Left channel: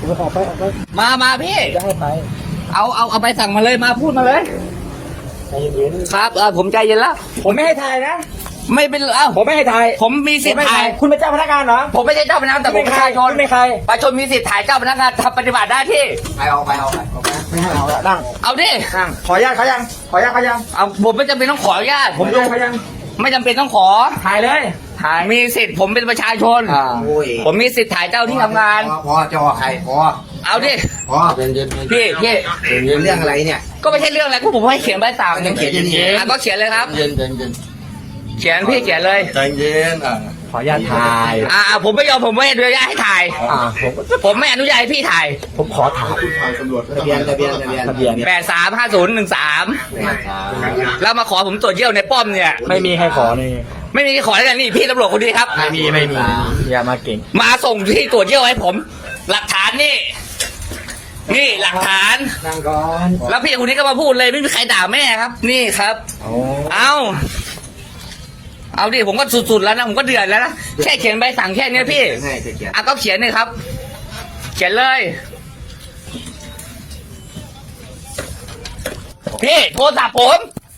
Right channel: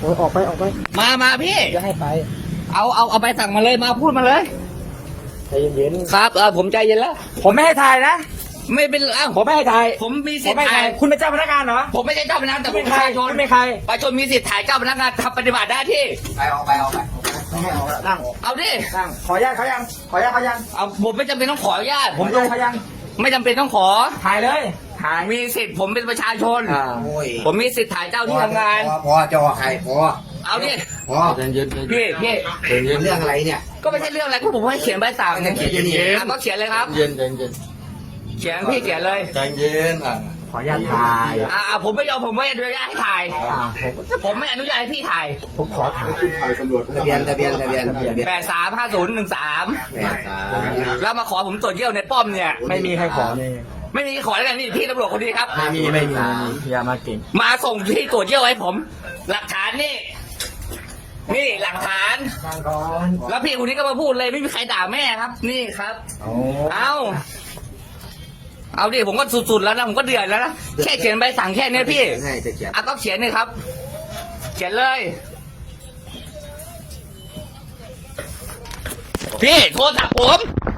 โอ้ออกไปออกไปมามาพี่ จะให้ไปเอาเอาเอาไปสั่งมาเลยมาพูดมาเลย ใจเย็นครับเออผมใจเย็นแล้วผมไม่ให้ถ่ายนะไม่เป็นเอ้าผมไม่ให้ถ่ายผมมีผสิทมธิ์ไม่ถ่าถ่ายยคุณเป็นเจ้าพนักงานเหรอผมไม่ใช่เจ้าพนักงานแต่ผมประชาชนไม่ใครประชาชนมีสิทธิ์ถ่ายเจ้าพนักงานทำปฏิบัติหน้าที่ ไปเอาไปเอาไปไม่ให้เอาละนั่งเอาดินั่งขออนุญาตเขายังขออนุญาตเขายังเอาผมไม่จำเป็นต้องขออนุญาตผผมมดูดูเขายังไม่จำเป็นต้องขอถ่ายเลย ถ่าย มีสิทธิ์ผมเป็นประชาชน อ่าโอ้ยผมมีสิทธิ์ถ่ายเจ้าที่ทำงาน พอพอจอใครพอเอาดิ พอพี่พี่เรื่องอะไรเนี่ย ก็ไม่ใช่เรื่องอะไรก็ผมให้เขียนใบสั่งก็จะเขียนอย่างนี้ อะก็เขียนเลยครับ เย็นเย็นเย็นเขียนพี่เขียนเลยใจเย็นอะ ขออนุญาตถ่ายอ่าผมไม่ยอมผมไม่อนุญาตให้ถ่าย อ่าผมผมไม่อนุญาตให้พี่ถ่ายผมขอถ่ายทะเบียนทะเบียนทะเบียนทะเบียนแปดสามห้าศูนย์หนึ่งสามแล้วมาขอผมตรวจเยี่ยวในป้อมเนี่ย ไม่มีให้ขอนี่ไม่มีขอแล้วกันนี่พี่ตำรวจคนนี้ครับ ไม่มีไม่มีอย่ามาเก่งมาส่งที่ตรวจเยี่ยวให้ผม หลักฐานนี่ นี่หลักฐานนั่งก่อนแล้วพี่คนนี้ก็มาพูดเลยไม่มีใครด่าแม่ครับ นี่ครับโอ้เอา เอาดิผมก็สุดๆแล้วนะผมก็เดือดแล้วนะแค่เขียนใบสั่งแค่เนี้ยพี่ให้จะเขียนอะก็เขียนเลยครับ เขียนเลย พี่โทรศัพท์ผม